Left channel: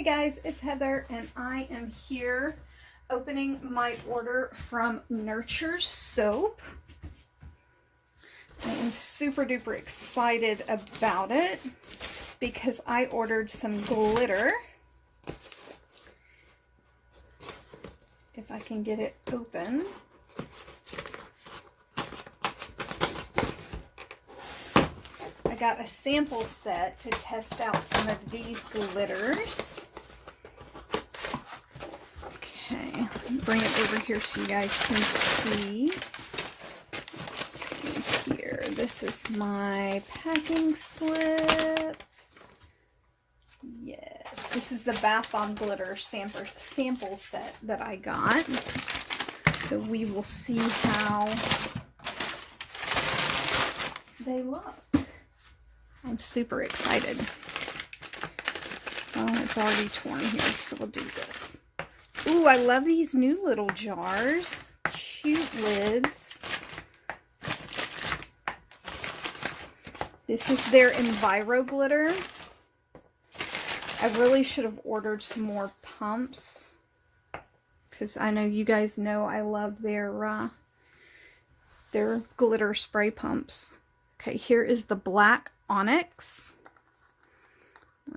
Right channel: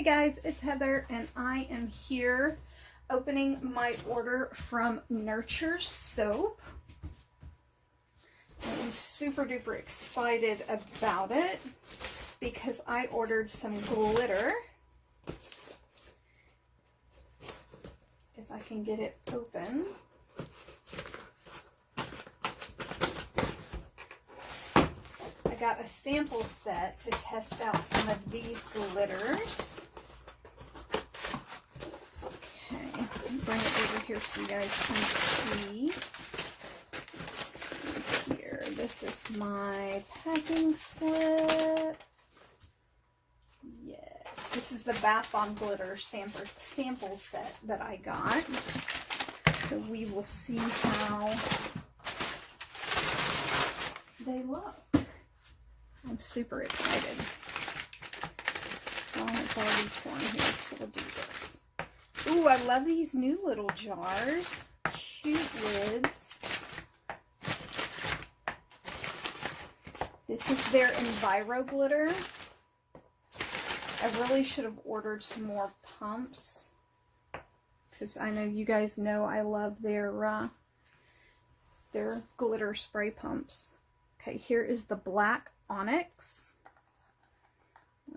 Hey guys, it's Heather and I am here opening my order from Nurture Soap. I am super duper excited about it because I ordered some glitter. If I can get it open. I got a sample set to test out some of these glitters. Okay, bring it over here so you guys can see. Let's see here. This is my packing slip. Yes, this is the Bath Bomb Glitter sample set that I got. So we will see how they look. I'm super excited. Oh, it's already torn here, so we'll do this. Ooh, I love these new little jars. Cute lids. This is their Enviro glitter. I really should have ordered some more pumps because I know you guys know I love their glitter spray pumps. Okay, here is the black onyx.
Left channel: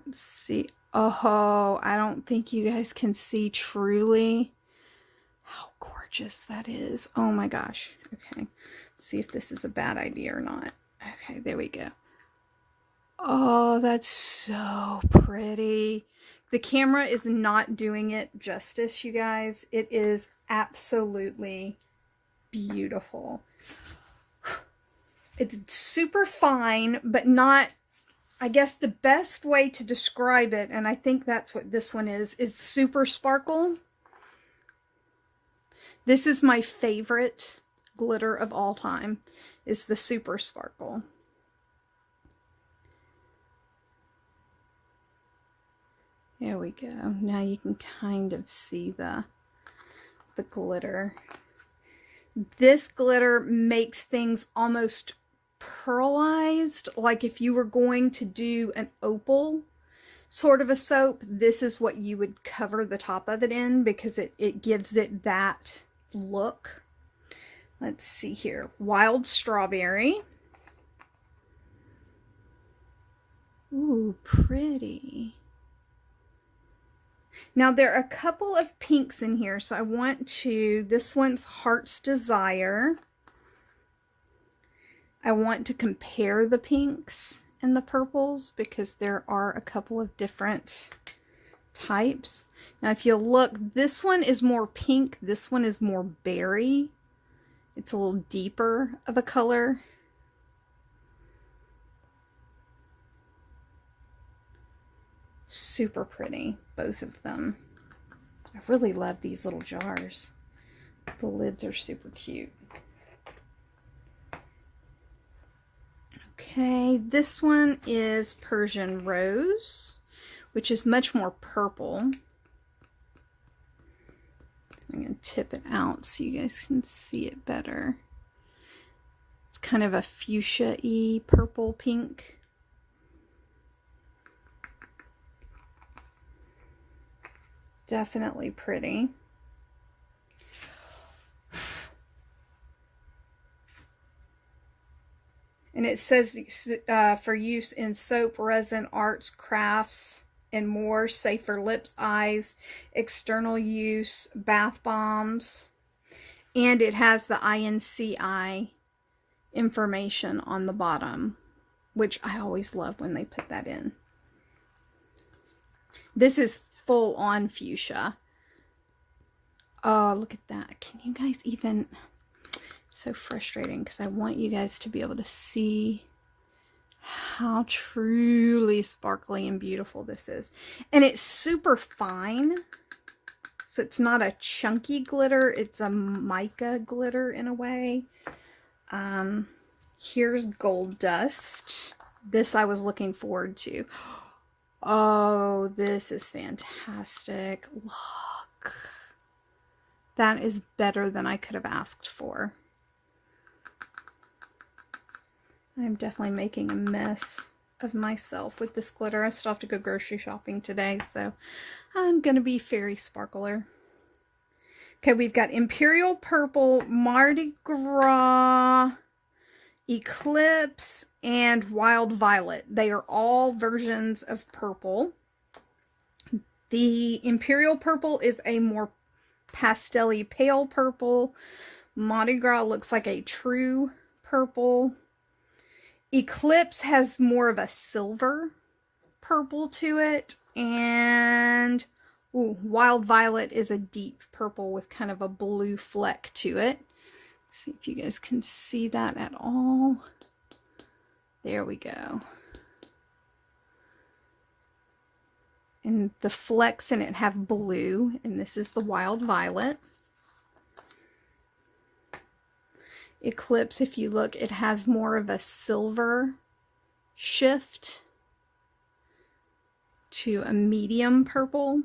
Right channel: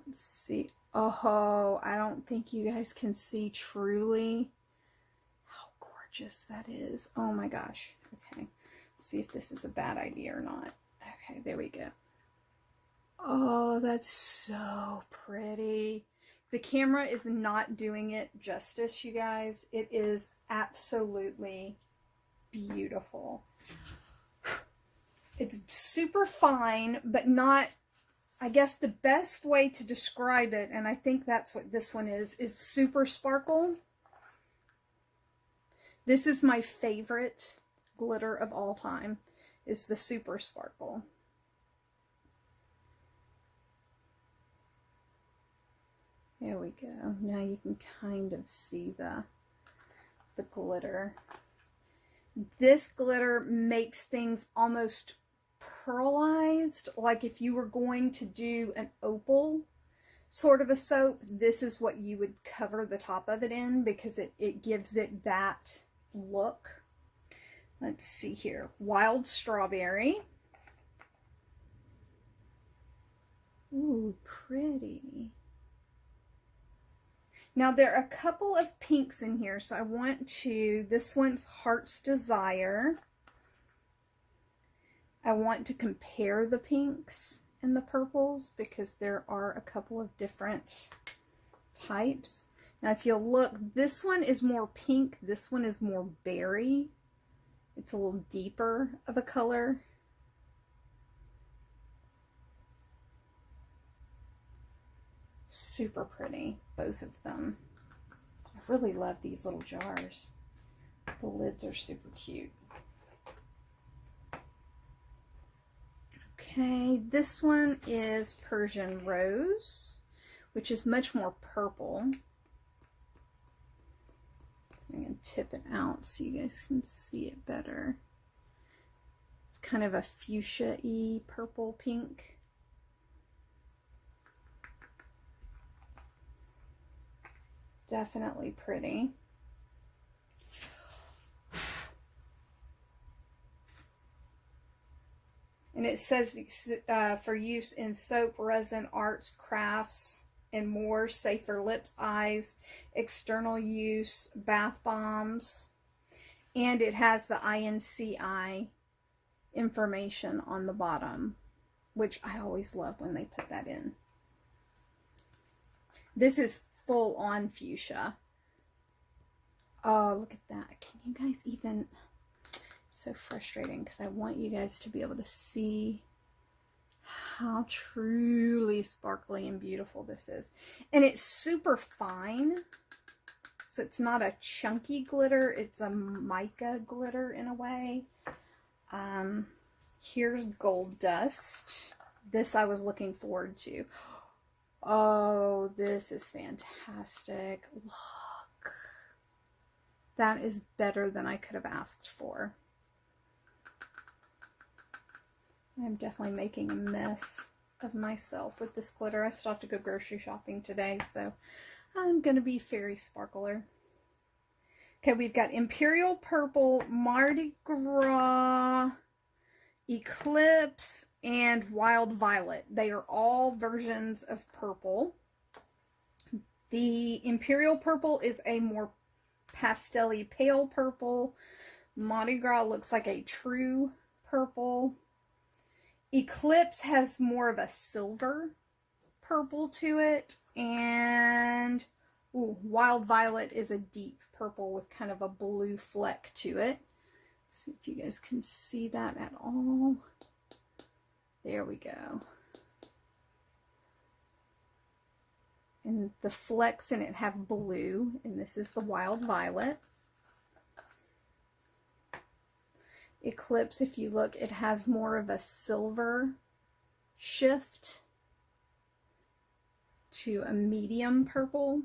Let's see. Oh, I don't think you guys can see truly how gorgeous that is. Oh my gosh. Okay, let's see if this is a bad idea or not. Okay, there we go. Oh, that's so pretty. The camera is not doing it justice, you guys. It is absolutely beautiful. It's super fine, but not, I guess the best way to describe it, and I think that's what this one is super sparkle. This is my favorite glitter of all time, is the super sparkle. There we go. Now you can kind of see the glitter. This glitter makes things almost pearlized, like if you were going to do an opal sort of a soap, this is what you would cover the top of it in because it gives it that look. Let's see here. Wild strawberry. Ooh, pretty. Now there are a couple of pinks in here, so I want to, this one's Heart's Desire. I want to compare the pinks and the purples because there are a couple of different types. Now if you look, this one is more pink, this one is more berry. It's a little deeper of a color. Super pretty, both of them. I really love these little jars. The lids are super cute. Okay, this one is Persian Rose, which is much more purple. I'm going to tip it out so you guys can see it better. It's kind of a fuchsia-y purple pink. Definitely pretty. And it says for use in soap, resin, arts, crafts, and more, safe for lips, eyes, external use, bath bombs. And it has the INCI information on the bottom, which I always love when they put that in. This is full on fuchsia. Oh, look at that. Can you guys even... So frustrating because I want you guys to be able to see how truly sparkly and beautiful this is. And it's super fine. So it's not a chunky glitter. It's a mica glitter in a way. Here's Gold Dust. This I was looking forward to. Oh, this is fantastic. Look. That is better than I could have asked for. I'm definitely making a mess of myself with this glitter. I still have to go grocery shopping today, so I'm going to be fairy sparkler. Okay, we've got Imperial Purple, Mardi Gras, Eclipse, and Wild Violet. They are all versions of purple. The Imperial Purple is a more pastel-y pale purple. Mardi Gras looks like a true purple. Eclipse has more of a silver purple to it. And Wild Violet is a deep purple with kind of a blue fleck to it. Let's see if you guys can see that at all. There we go. And the flecks in it have blue, and this is the Wild Violet. Eclipse, if you look, it has more of a silver shift to a medium purple.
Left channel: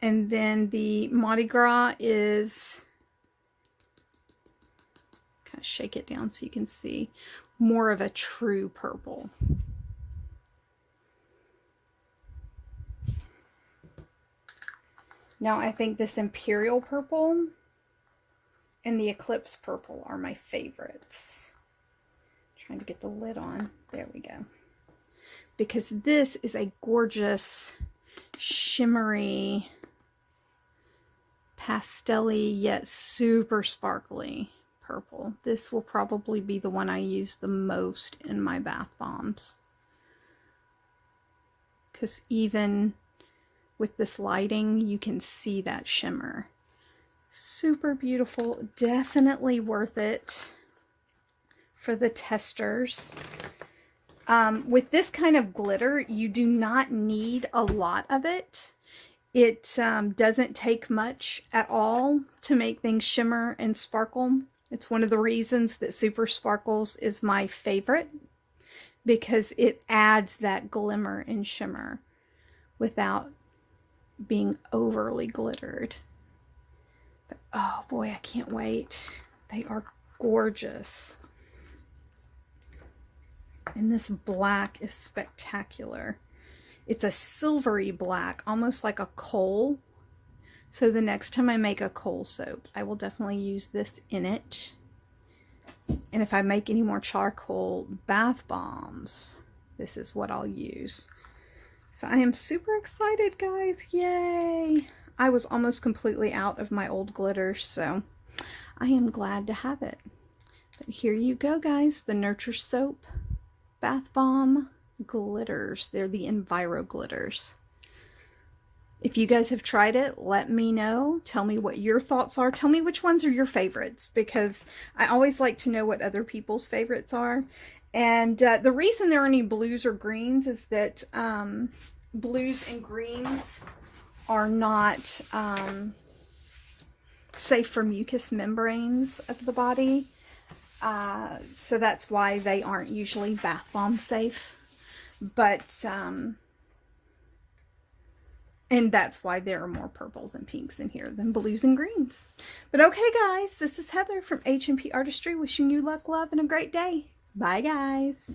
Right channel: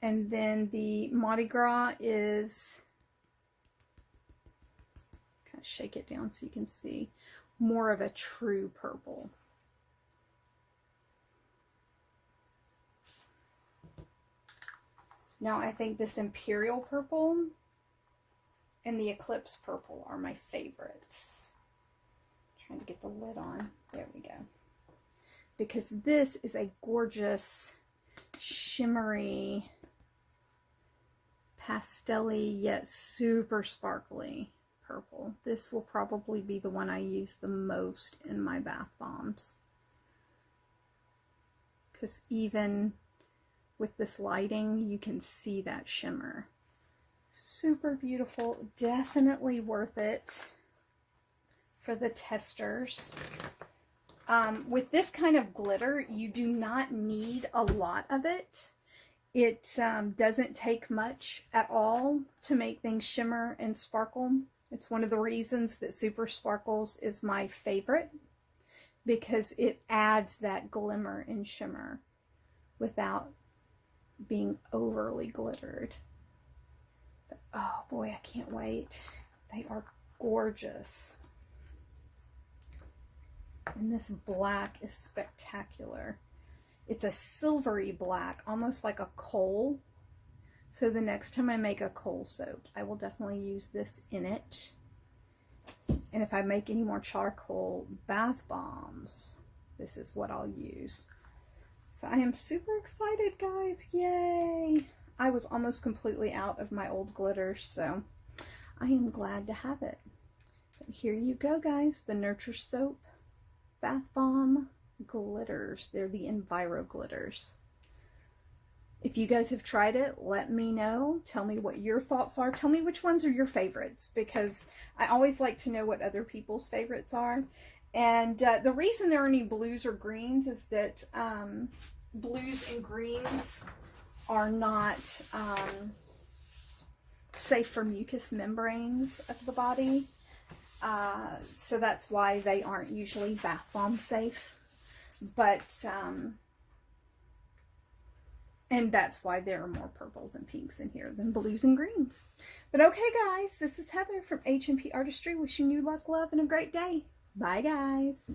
And then the Mardi Gras is, kind of shake it down so you can see, more of a true purple. Now I think this Imperial Purple and the Eclipse Purple are my favorites. Trying to get the lid on. There we go. Because this is a gorgeous, shimmery, pastel-y yet super sparkly purple. This will probably be the one I use the most in my bath bombs. Because even with this lighting, you can see that shimmer. Super beautiful. Definitely worth it for the testers. With this kind of glitter, you do not need a lot of it. It doesn't take much at all to make things shimmer and sparkle. It's one of the reasons that Super Sparkles is my favorite, because it adds that glimmer and shimmer without being overly glittered. But oh boy, I can't wait. They are gorgeous. And this black is spectacular. It's a silvery black, almost like a coal. So the next time I make a coal soap, I will definitely use this in it. And if I make any more charcoal bath bombs, this is what I'll use. So I am super excited, guys. Yay! I was almost completely out of my old glitters, so I am glad to have it. But here you go, guys. The Nurture Soap Bath Bomb glitters. They're the Enviro glitters. If you guys have tried it, let me know. Tell me what your thoughts are. Tell me which ones are your favorites, because I always like to know what other people's favorites are. And the reason there are any blues or greens is that blues and greens are not safe for mucous membranes of the body. So that's why they aren't usually bath bomb safe. But, and that's why there are more purples and pinks in here than blues and greens. But okay, guys, this is Heather from H&P Artistry, wishing you luck, love, and a great day. Bye, guys.